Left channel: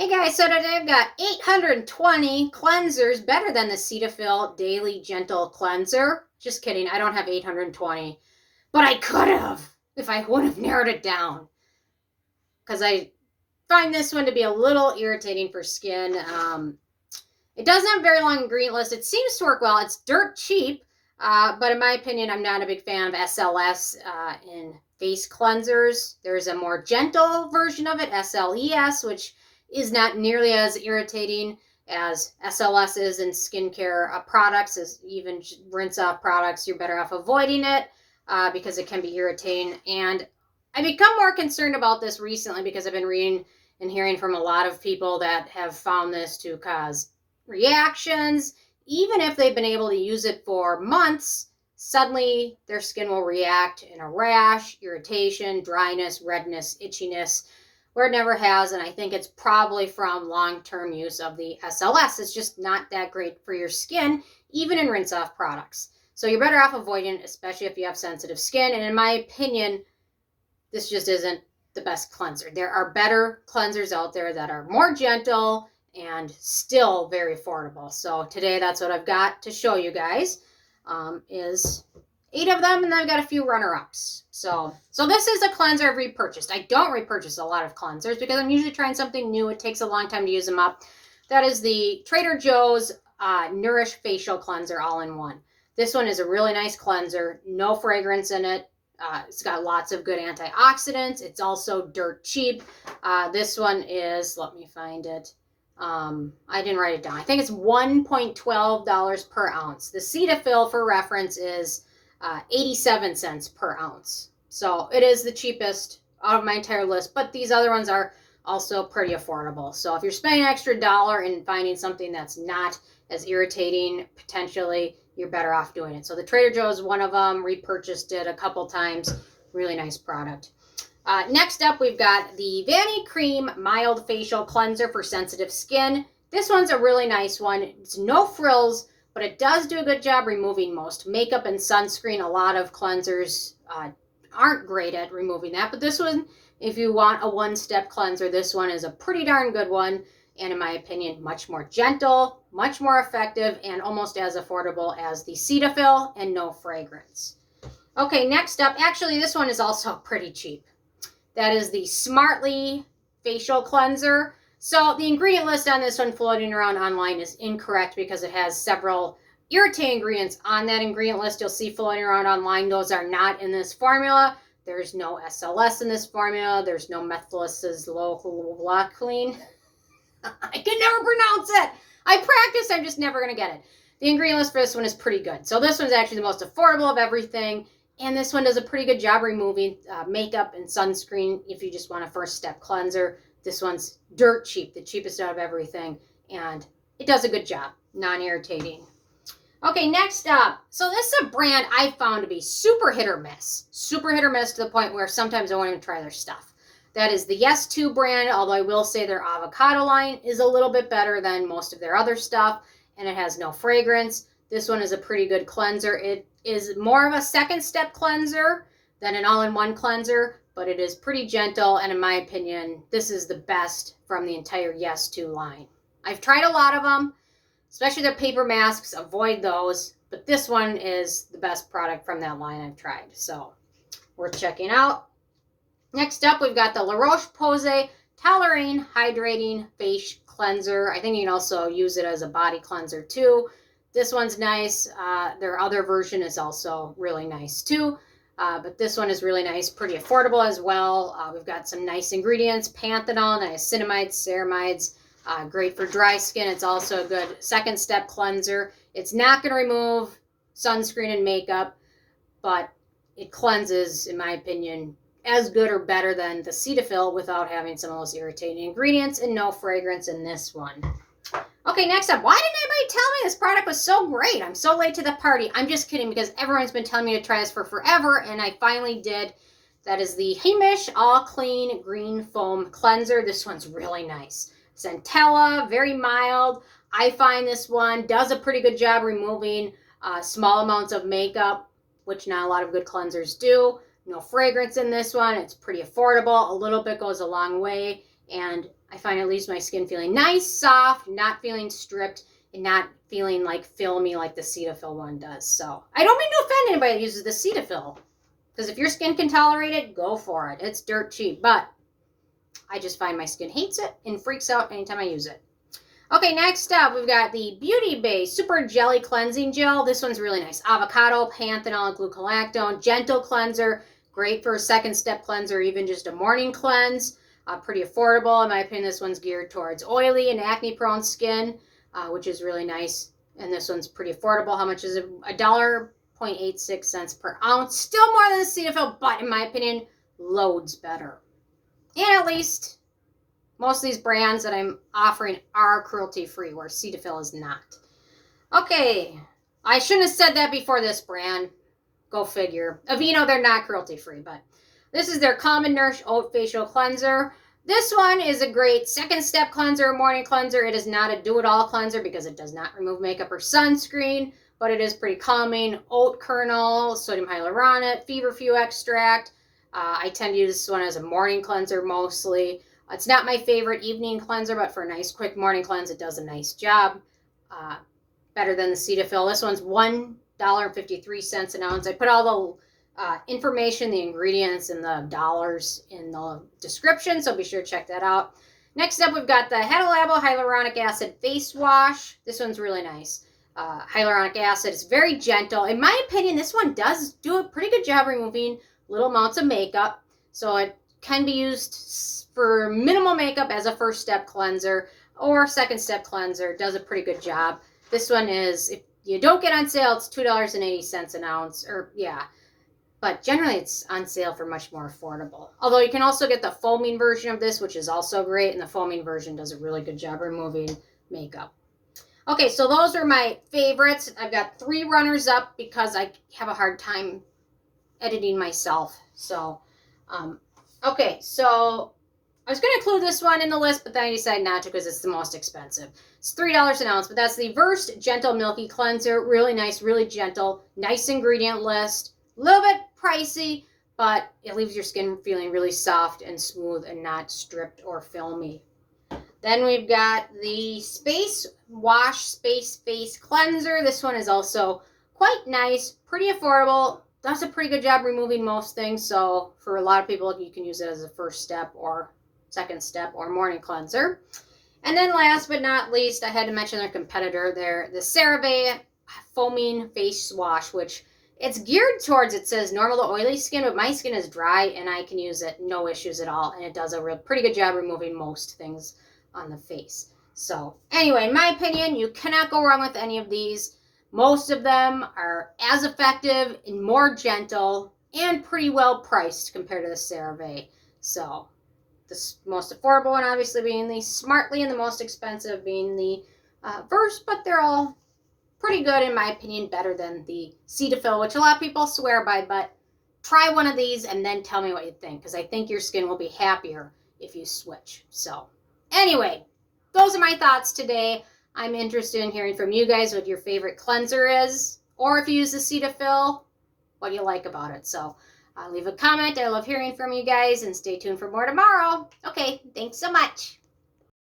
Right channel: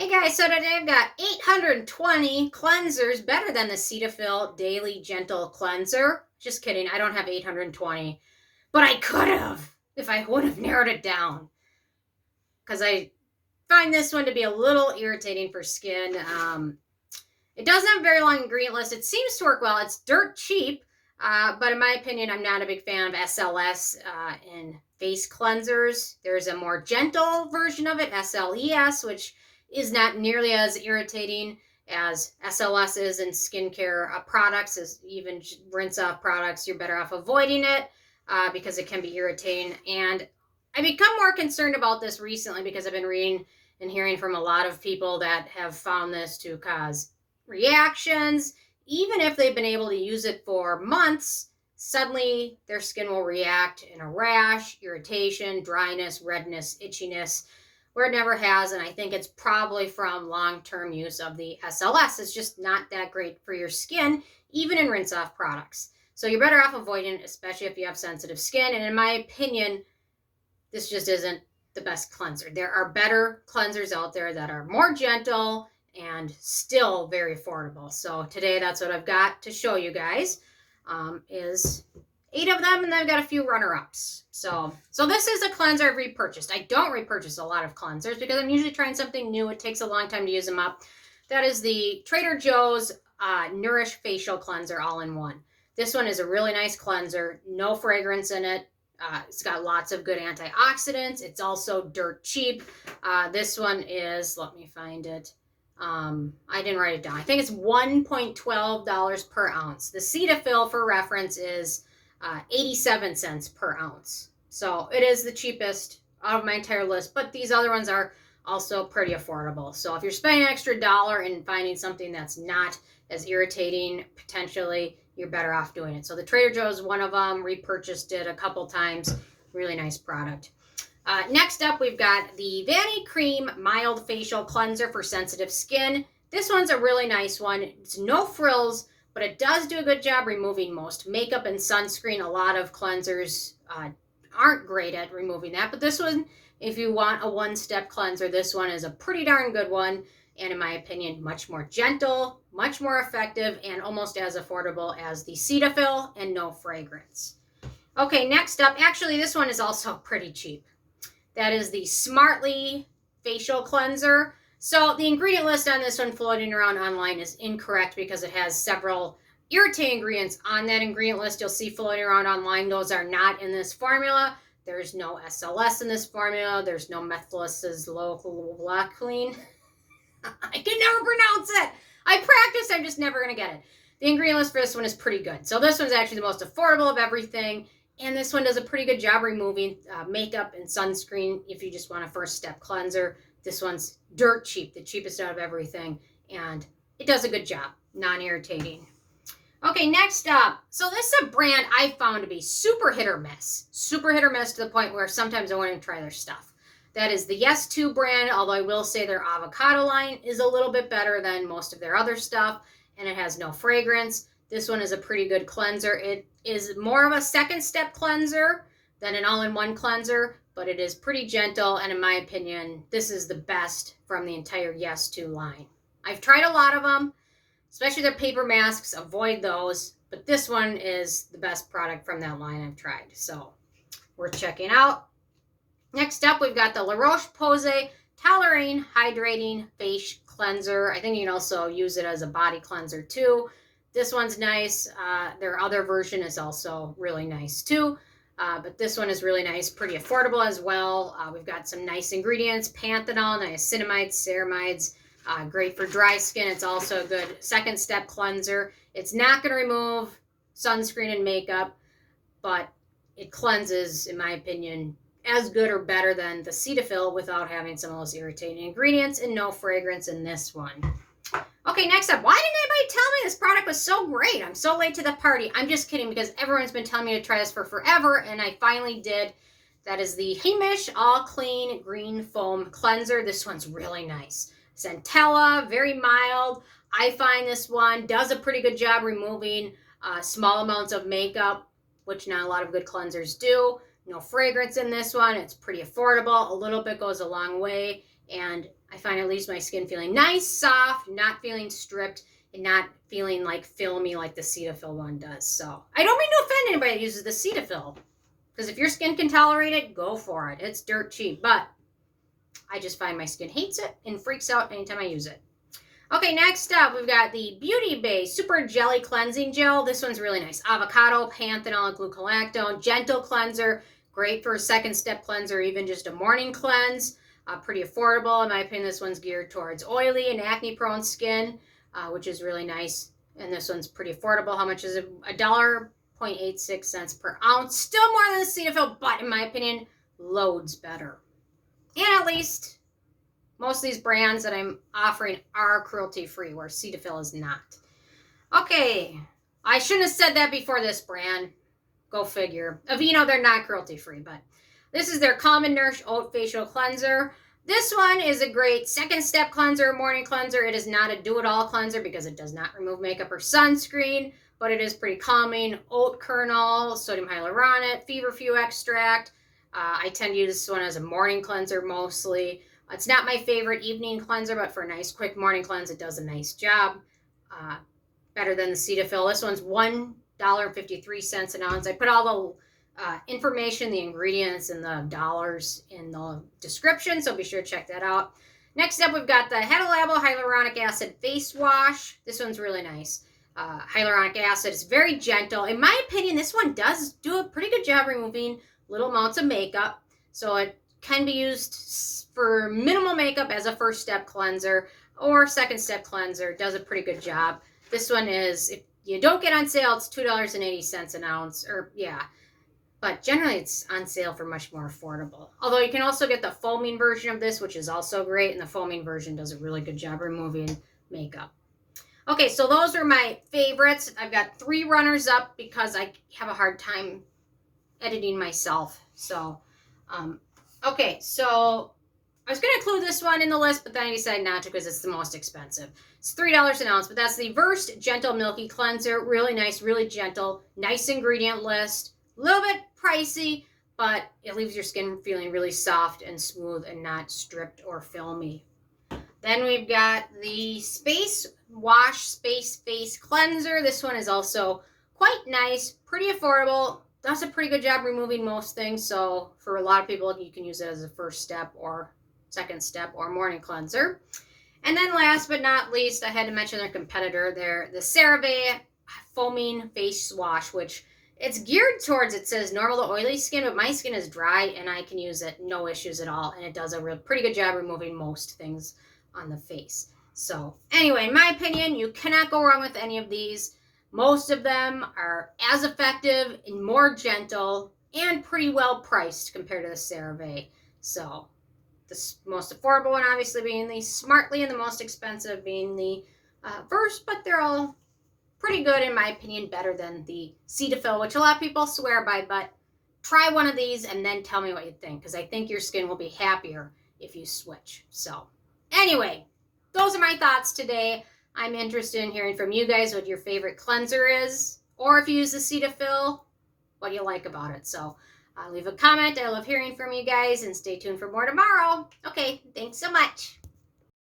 Hey guys, so today I've got 820 cleansers, better than the Cetaphil Daily Gentle Cleanser. Just kidding, I don't have 820, but I could have if I would have narrowed it down. Because I find this one to be a little irritating for skin. It doesn't have a very long ingredient list. It seems to work well. It's dirt cheap, but in my opinion, I'm not a big fan of SLS in face cleansers. There's a more gentle version of it, SLES, which is not nearly as irritating as SLS is in skincare products, as even rinse-off products. You're better off avoiding it because it can be irritating. And I become more concerned about this recently because I've been reading and hearing from a lot of people that have found this to cause reactions. Even if they've been able to use it for months, suddenly their skin will react in a rash, irritation, dryness, redness, itchiness, where it never has. And I think it's probably from long-term use of the SLS. It's just not that great for your skin, even in rinse-off products. So you're better off avoiding it, especially if you have sensitive skin. And in my opinion, this just isn't the best cleanser. There are better cleansers out there that are more gentle and still very affordable. So today that's what I've got to show you guys, is 8 of them, and then I've got a few runner-ups. So this is a cleanser I've repurchased. I don't repurchase a lot of cleansers because I'm usually trying something new. It takes a long time to use them up. That is the Trader Joe's Nourish Facial Cleanser All-in-One. This one is a really nice cleanser. No fragrance in it. It's got lots of good antioxidants. It's also dirt cheap. This one is, let me find it. I didn't write it down. I think it's $1.12 per ounce. The Cetaphil, for reference, is 87 cents per ounce. So it is the cheapest out of my entire list, but these other ones are also pretty affordable. So if you're spending an extra $1 and finding something that's not as irritating, potentially, you're better off doing it. So the Trader Joe's, one of them, repurchased it a couple times. Really nice product. Next up, we've got the Vanity Cream Mild Facial Cleanser for sensitive skin. This one's a really nice one. It's no frills, but it does do a good job removing most makeup and sunscreen. A lot of cleansers aren't great at removing that, but this one, if you want a one-step cleanser, this one is a pretty darn good one, and in my opinion, much more gentle, much more effective, and almost as affordable as the Cetaphil, and no fragrance. Okay, next up, actually this one is also pretty cheap. That is the Smartly Facial Cleanser. So the ingredient list on this one floating around online is incorrect because it has several irritating ingredients on that ingredient list you'll see floating around online. Those are not in this formula. There's no SLS in this formula. There's no Methylparaben. I can never pronounce it. I practiced, I'm just never going to get it. The ingredient list for this one is pretty good. So this one's actually the most affordable of everything. And this one does a pretty good job removing makeup and sunscreen if you just want a first step cleanser. This one's dirt cheap, the cheapest out of everything. And it does a good job, non-irritating. Okay, next up. So this is a brand I found to be super hit or miss. Super hit or miss to the point where sometimes I won't even try their stuff. That is the Yes2 brand, although I will say their Avocado line is a little bit better than most of their other stuff. And it has no fragrance. This one is a pretty good cleanser. It is more of a second step cleanser than an all-in-one cleanser, but it is pretty gentle, and in my opinion, this is the best from the entire Yes2 line. I've tried a lot of them, especially their paper masks. Avoid those, but this one is the best product from that line I've tried, so worth checking out. Next up, we've got the Roche Posay Tolerating Hydrating Face Cleanser. I think you can also use it as a body cleanser too. This one's nice. Their other version is also really nice too. But this one is really nice, pretty affordable as well. We've got some nice ingredients: panthenol, niacinamides, ceramides, great for dry skin. It's also a good second step cleanser. It's not going to remove sunscreen and makeup, but it cleanses, in my opinion, as good or better than the Cetaphil without having some of those irritating ingredients, and no fragrance in this one. Okay, next up, why didn't anybody tell me this product was so great? I'm so late to the party. I'm just kidding, because everyone's been telling me to try this for forever, and I finally did. That is the Hamish All Clean Green Foam Cleanser. This one's really nice. Centella, very mild. I find this one does a pretty good job removing small amounts of makeup, which not a lot of good cleansers do. No fragrance in this one. It's pretty affordable. A little bit goes a long way. And I find it leaves my skin feeling nice, soft, not feeling stripped, and not feeling like filmy like the Cetaphil one does. So I don't mean to offend anybody that uses the Cetaphil, because if your skin can tolerate it, go for it. It's dirt cheap, but I just find my skin hates it and freaks out anytime I use it. Okay, next up, we've got the Beauty Bay Super Jelly Cleansing Gel. This one's really nice. Avocado, panthenol, glucolactone, gentle cleanser. Great for a second step cleanser, even just a morning cleanse. Pretty affordable. In my opinion, this one's geared towards oily and acne-prone skin, which is really nice. And this one's pretty affordable. How much is it? $1.86 per ounce. Still more than the Cetaphil, but in my opinion, loads better. And at least most of these brands that I'm offering are cruelty-free, where Cetaphil is not. Okay, I shouldn't have said that before this brand. Go figure. Aveeno, they're not cruelty-free, but this is their Calm and Nourish Oat Facial Cleanser. This one is a great second step cleanser, morning cleanser. It is not a do-it-all cleanser because it does not remove makeup or sunscreen, but it is pretty calming. Oat kernel, sodium hyaluronic, feverfew extract. I tend to use this one as a morning cleanser mostly. It's not my favorite evening cleanser, but for a nice quick morning cleanse, it does a nice job. Better than the Cetaphil. This one's $1.53 an ounce. I put all the information, the ingredients, and the dollars in the description, so be sure to check that out. Next up, we've got the Heterolipo Hyaluronic Acid Face Wash. This one's really nice. Hyaluronic acid is very gentle. In my opinion, this one does do a pretty good job removing little amounts of makeup, so it can be used for minimal makeup as a first step cleanser or second step cleanser. It does a pretty good job. This one is, if you don't get on sale, it's $2.80 an ounce, or yeah, but generally it's on sale for much more affordable. Although you can also get the foaming version of this, which is also great, and the foaming version does a really good job removing makeup. Okay, so those are my favorites. I've got 3 runners up because I have a hard time editing myself. So, okay, so I was going to include this one in the list, but then I decided not to because it's the most expensive. It's $3 an ounce, but that's the Versed Gentle Milky Cleanser. Really nice, really gentle, nice ingredient list. A little bit pricey, but it leaves your skin feeling really soft and smooth and not stripped or filmy. Then we've got the Space Wash Space Face Cleanser. This one is also quite nice, pretty affordable. Does a pretty good job removing most things. So for a lot of people, you can use it as a first step or second step or morning cleanser. And then last but not least, I had to mention their competitor there, the CeraVe Foaming Face Wash, which it's geared towards, it says normal to oily skin, but my skin is dry and I can use it no issues at all. And it does a pretty good job removing most things on the face. So anyway, in my opinion, you cannot go wrong with any of these. Most of them are as effective and more gentle and pretty well priced compared to the CeraVe. So the most affordable one obviously being the Smartly and the most expensive being the Versed, but they're all pretty good in my opinion, better than the Cetaphil, which a lot of people swear by, but try one of these and then tell me what you think, because I think your skin will be happier if you switch. So anyway, those are my thoughts today. I'm interested in hearing from you guys what your favorite cleanser is, or if you use the Cetaphil, what you like about it. So leave a comment. I love hearing from you guys, and stay tuned for more tomorrow. Okay, thanks so much.